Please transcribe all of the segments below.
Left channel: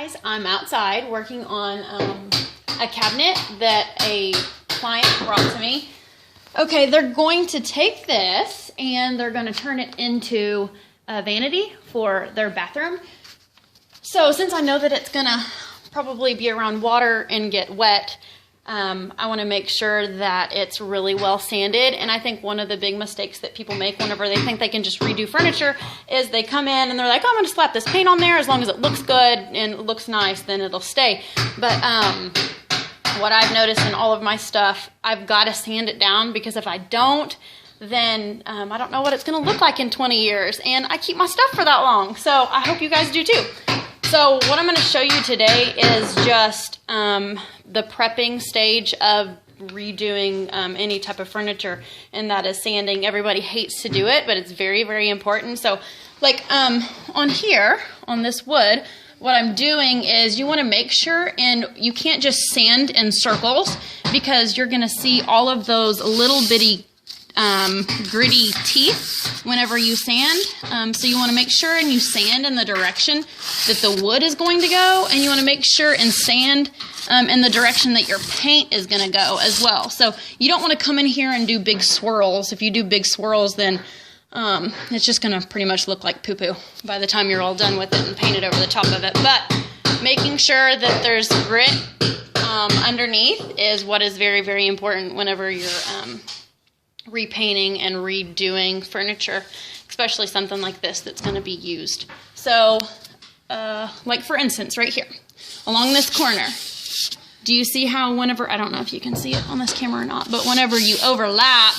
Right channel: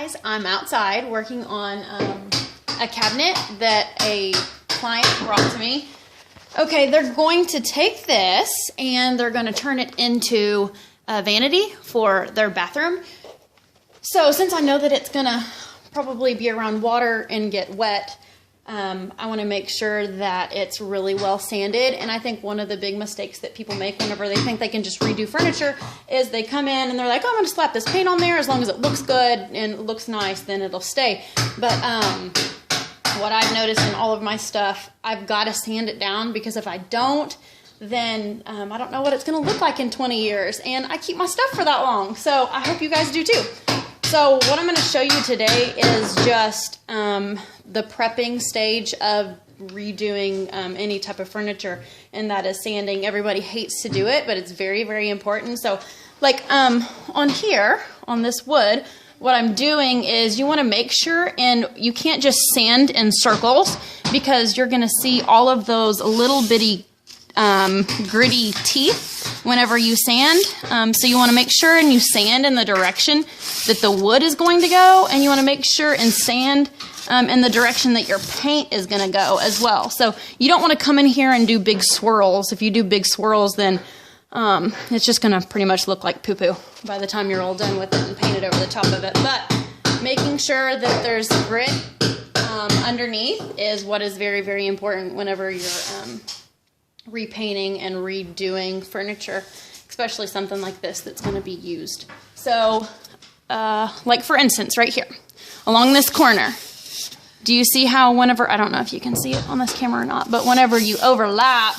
Guys, I'm outside working on a cabinet that a client brought to me. Okay, they're going to take this and they're going to turn it into a vanity for their bathroom. So since I know that it's going to probably be around water and get wet, I want to make sure that it's really well sanded. And I think one of the big mistakes that people make whenever they think they can just redo furniture is they come in and they're like, oh, I'm going to slap this paint on there. As long as it looks good and it looks nice, then it'll stay. But what I've noticed in all of my stuff, I've got to sand it down, because if I don't, then I don't know what it's going to look like in 20 years. And I keep my stuff for that long. So I hope you guys do too. So what I'm going to show you today is just the prepping stage of redoing any type of furniture, and that is sanding. Everybody hates to do it, but it's very, very important. So like on here, on this wood, what I'm doing is you want to make sure, and you can't just sand in circles, because you're going to see all of those little bitty gritty teeth whenever you sand. So you want to make sure and you sand in the direction that the wood is going to go, and you want to make sure and sand in the direction that your paint is going to go as well. So you don't want to come in here and do big swirls. If you do big swirls, then it's just going to pretty much look like poo-poo by the time you're all done with it and painted over the top of it. But making sure that there's grit underneath is what is very, very important whenever you're repainting and redoing furniture, especially something like this that's going to be used. So like for instance right here along this corner, do you see how whenever, I don't know if you can see it on this camera or not, but whenever you overlap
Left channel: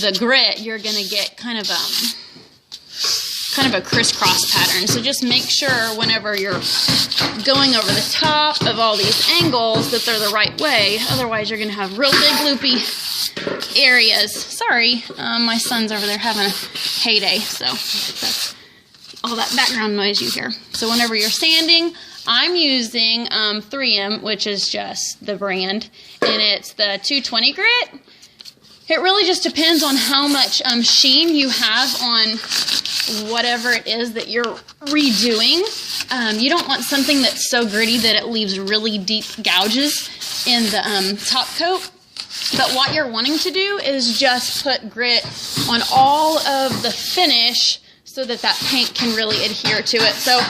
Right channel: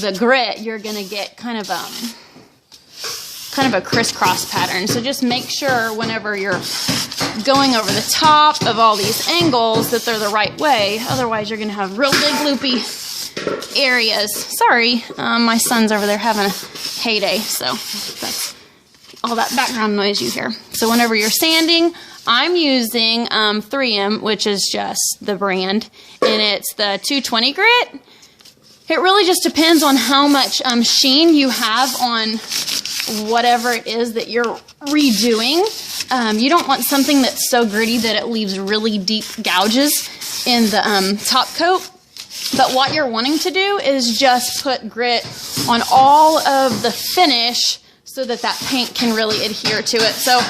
the grit, you're going to get kind of a crisscross pattern. So just make sure whenever you're going over the top of all these angles that they're the right way. Otherwise you're going to have real big loopy areas. Sorry, my son's over there having a heyday, so that's all that background noise you hear. So whenever you're sanding, I'm using 3M, which is just the brand, and it's the 220 grit. It really just depends on how much sheen you have on whatever it is that you're redoing. You don't want something that's so gritty that it leaves really deep gouges in the top coat. But what you're wanting to do is just put grit on all of the finish so that that paint can really adhere to it. So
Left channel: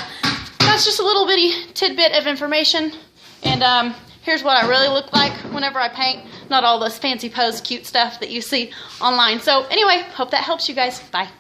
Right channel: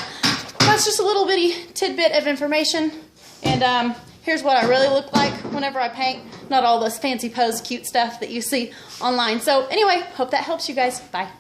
that's just a little bitty tidbit of information. And here's what I really look like whenever I paint. Not all this fancy pose cute stuff that you see online. So anyway, hope that helps you guys. Bye.